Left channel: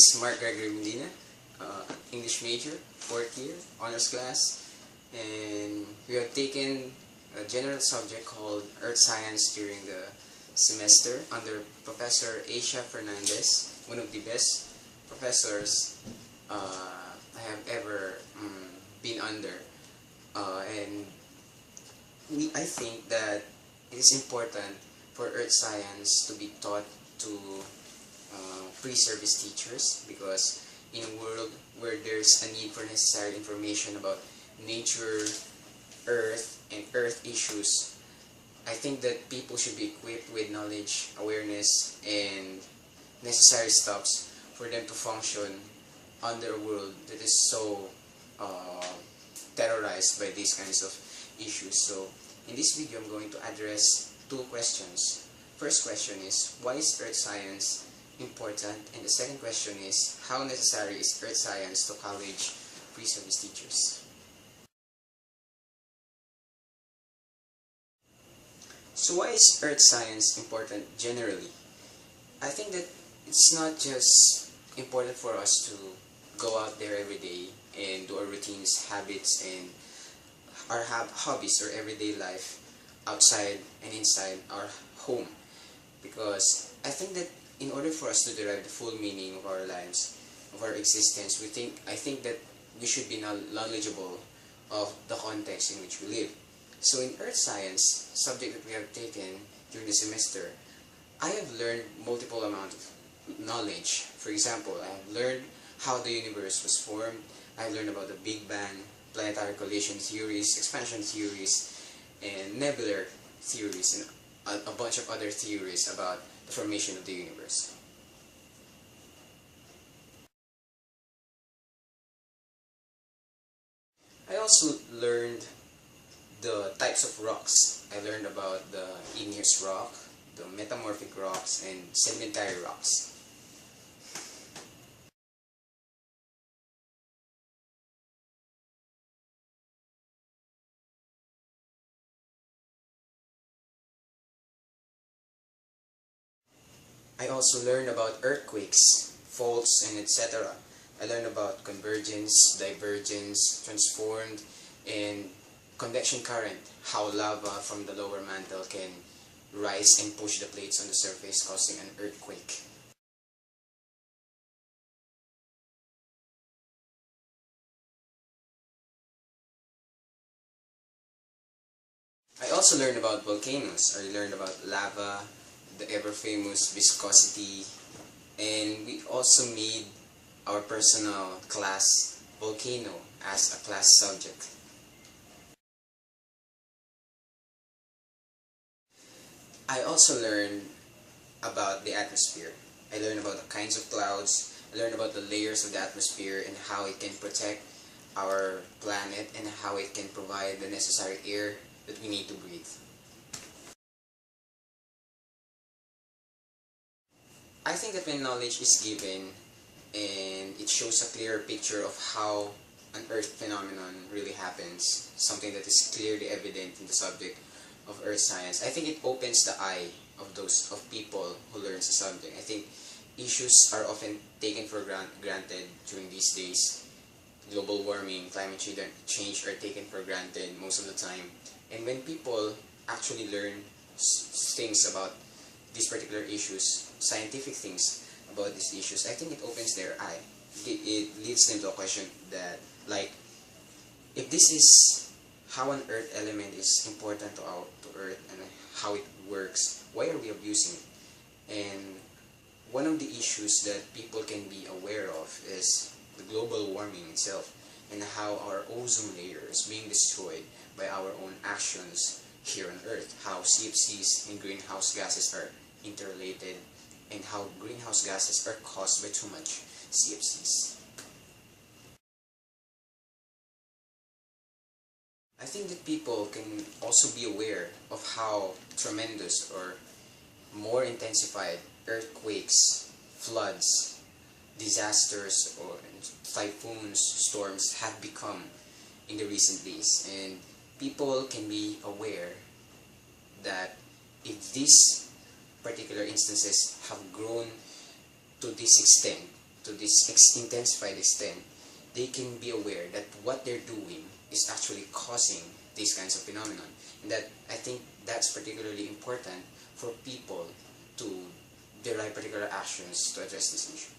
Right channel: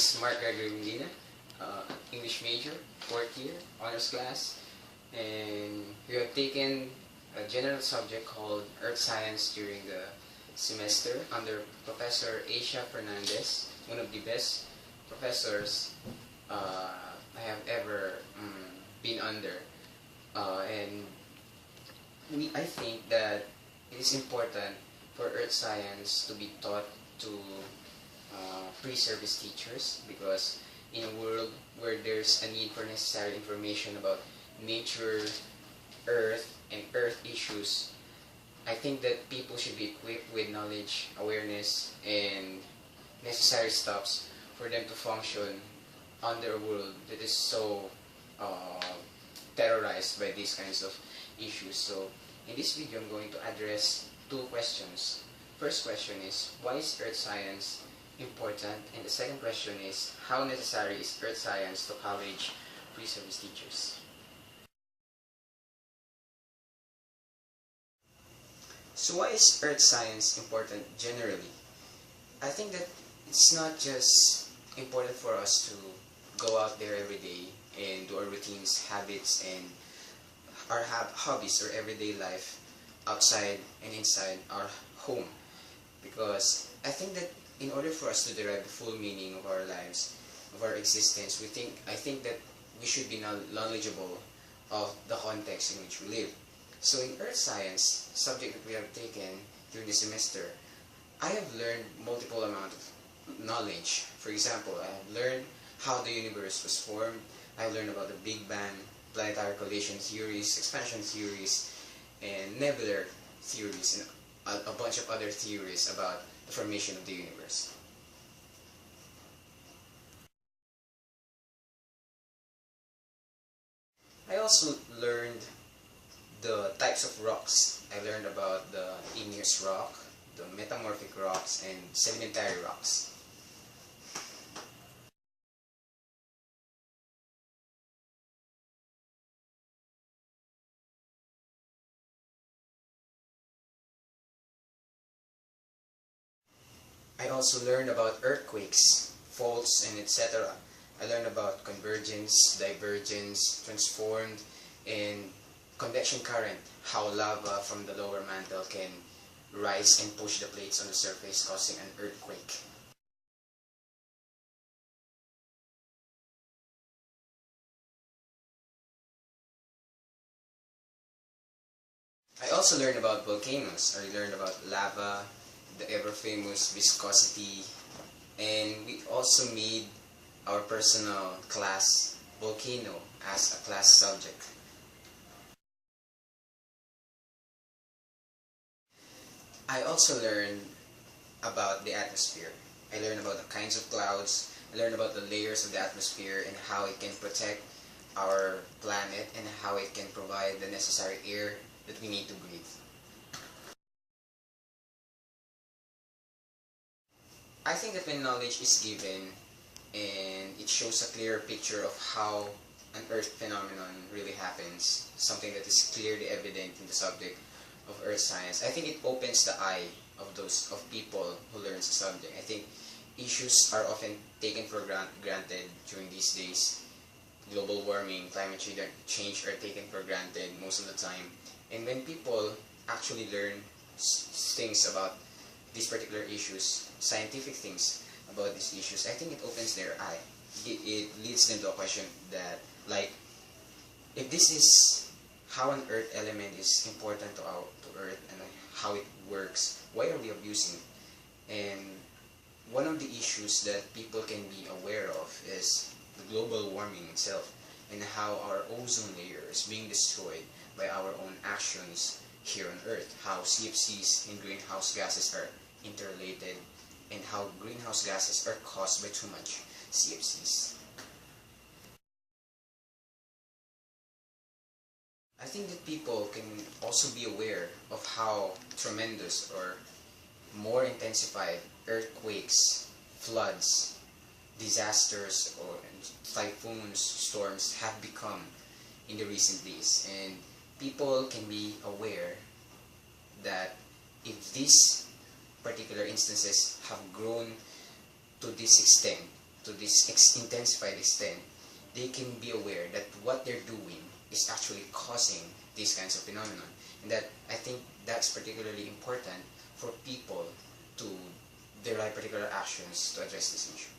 is Mark Gregory Medina, English major, 4th year, honors class, and we have taken a general subject called Earth Science during the semester under Professor Asia Fernandez, one of the best professors I have ever been under. And I think that it is important for Earth Science to be taught to pre-service teachers, because in a world where there's a need for necessary information about nature, Earth, and Earth issues, I think that people should be equipped with knowledge, awareness, and necessary steps for them to function under a world that is so terrorized by these kinds of issues. So in this video, I'm going to address two questions. First question is, why is Earth Science important? And the second question is, how necessary is Earth Science to college pre-service teachers? So why is Earth Science important generally? I think that it's not just important for us to go out there every day and do our routines, habits, and our hobbies or everyday life outside and inside our home. Because I think that in order for us to derive the full meaning of our lives, of our existence, I think that we should be knowledgeable of the context in which we live. So in Earth Science, subject that we have taken during the semester, I have learned multiple amounts of knowledge. For example, I have learned how the universe was formed. I have learned about the Big Bang, planetary collision theories, expansion theories, and nebular theories, and a bunch of other theories about the formation of the universe. I also learned the types of rocks. I learned about the igneous rock, the metamorphic rocks, and sedimentary rocks. I also learned about earthquakes, faults, and etc. I learned about convergence, divergence, transformed, and convection current, how lava from the lower mantle can rise and push the plates on the surface, causing an earthquake. I also learned about volcanoes. I learned about lava, the ever-famous viscosity, and we also made our personal class volcano as a class subject. I also learned about the atmosphere. I learned about the kinds of clouds, I learned about the layers of the atmosphere and how it can protect our planet and how it can provide the necessary air that we need to breathe. I think that when knowledge is given and it shows a clearer picture of how an Earth phenomenon really happens, something that is clearly evident in the subject of Earth Science, I think it opens the eye of people who learn the subject. I think issues are often taken for granted during these days. Global warming, climate change are taken for granted most of the time. And when people actually learn things about these particular issues, scientific things about these issues, I think it opens their eye. It leads them to a question that, like, if this is how an Earth element is important to Earth and how it works, why are we abusing it? And one of the issues that people can be aware of is the global warming itself and how our ozone layer is being destroyed by our own actions here on Earth, how CFCs and greenhouse gases are interrelated, and how greenhouse gases are caused by too much CFCs. I think that people can also be aware of how tremendous or more intensified earthquakes, floods, disasters, or typhoons, storms have become in the recent days. And people can be aware that if these particular instances have grown to this extent, to to this intensified extent, they can be aware that what they're doing is actually causing these kinds of phenomenon. And that I think that's particularly important for people to derive particular actions to address this issue.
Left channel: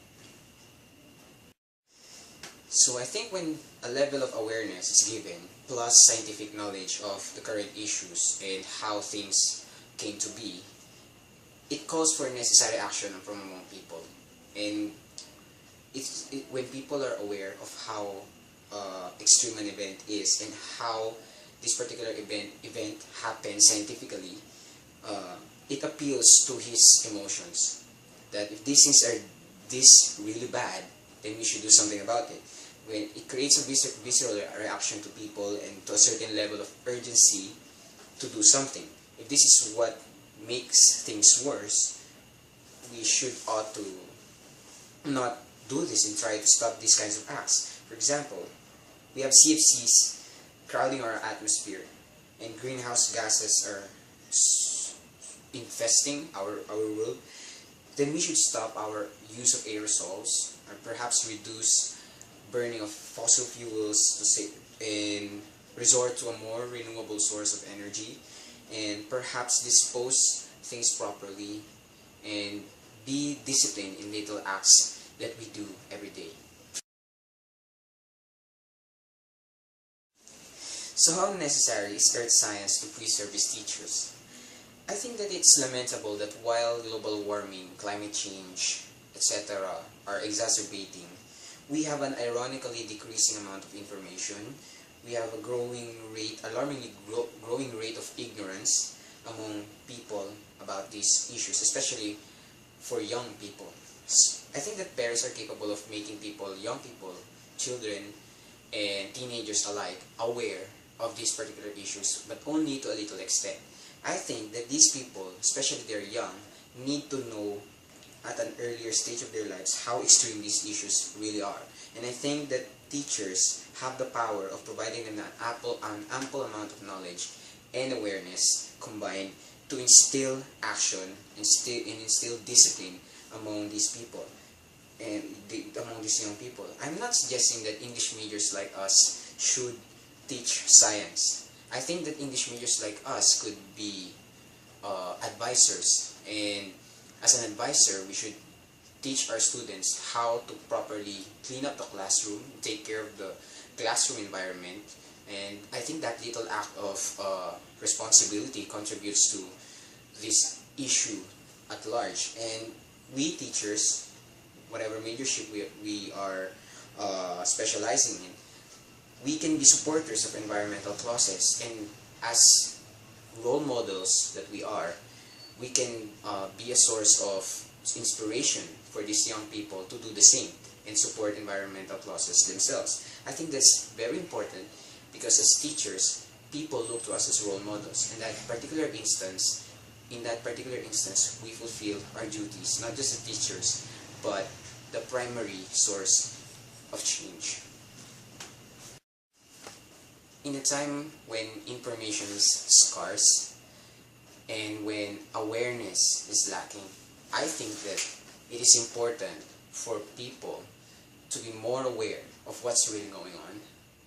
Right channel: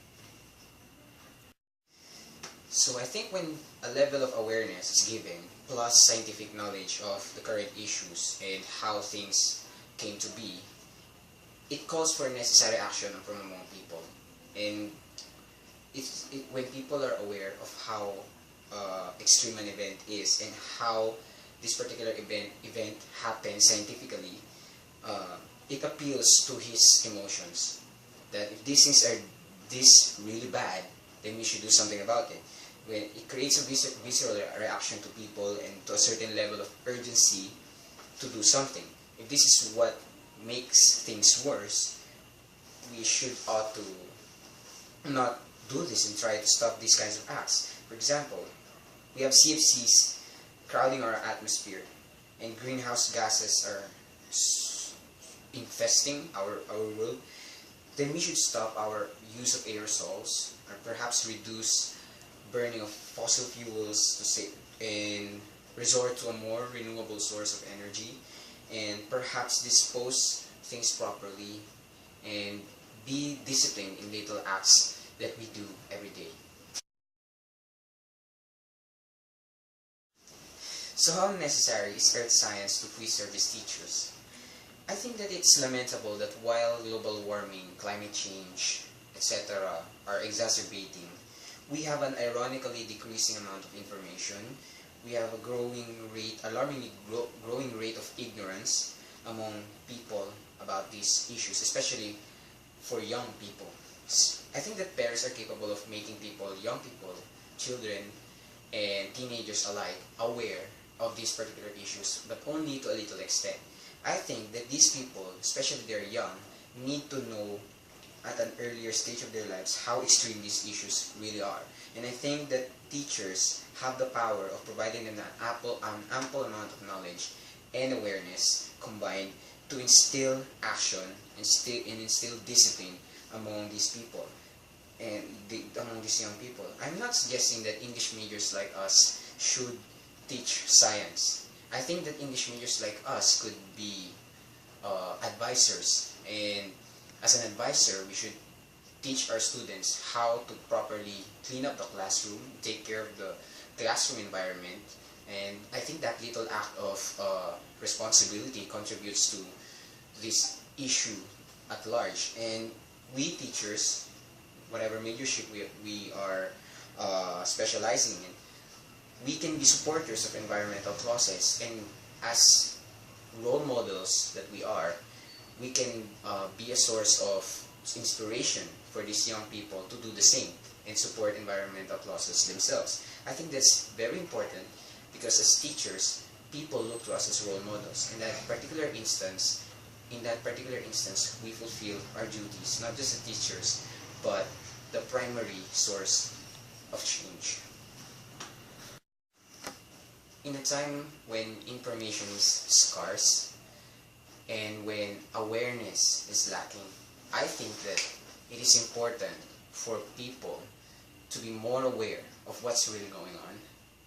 So I think when a level of awareness is given, plus scientific knowledge of the current issues and how things came to be, it calls for necessary action from among people. And when people are aware of how extreme an event is and how this particular event happens scientifically, it appeals to his emotions. That if these things are this really bad, then we should do something about it. When it creates a visceral reaction to people and to a certain level of urgency to do something. If this is what makes things worse, we ought to not do this and try to stop these kinds of acts. For example, we have CFCs crowding our atmosphere and greenhouse gases are infesting our world. Then we should stop our use of aerosols or perhaps reduce burning of fossil fuels and resort to a more renewable source of energy, and perhaps dispose things properly and be disciplined in little acts that we do every day. So how necessary is earth science to preserve its teachers? I think that it's lamentable that while global warming, climate change, etc. are exacerbating, we have an ironically decreasing amount of information. We have a alarmingly growing rate of ignorance among people about these issues, especially for young people. I think that parents are capable of making young people, children, and teenagers alike aware of these particular issues, but only to a little extent. I think that these people, especially if they're young, need to know at an earlier stage of their lives how extreme these issues really are. And I think that teachers have the power of providing an ample amount of knowledge and awareness combined to instill action and instill discipline among these people and among these young people. I'm not suggesting that English majors like us should teach science. I think that English majors like us could be advisors, and as an advisor, we should teach our students how to properly clean up the classroom, take care of the classroom environment, and I think that little act of responsibility contributes to this issue at large. And we teachers, whatever majorship we are specializing in, we can be supporters of environmental causes, and as role models that we are, we can be a source of inspiration for these young people to do the same and support environmental causes themselves. I think that's very important because as teachers, people look to us as role models. In that particular instance, we fulfill our duties, not just as teachers, but the primary source of change. In a time when information is scarce and when awareness is lacking, I think that it is important for people to be more aware of what's really going on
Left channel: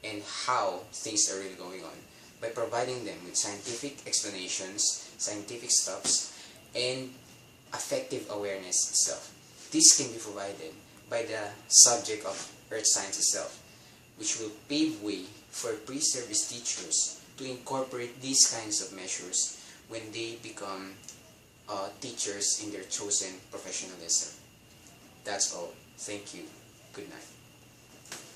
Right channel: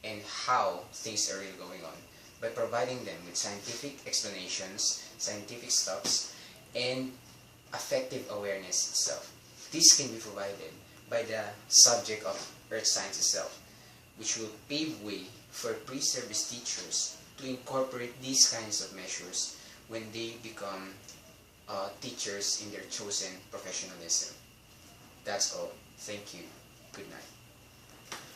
and how things are really going on by providing them with scientific explanations, scientific stuffs, and effective awareness itself. This can be provided by the subject of earth science itself, which will pave way for pre-service teachers to incorporate these kinds of measures when they become teachers in their chosen professionalism. That's all. Thank you. Good night.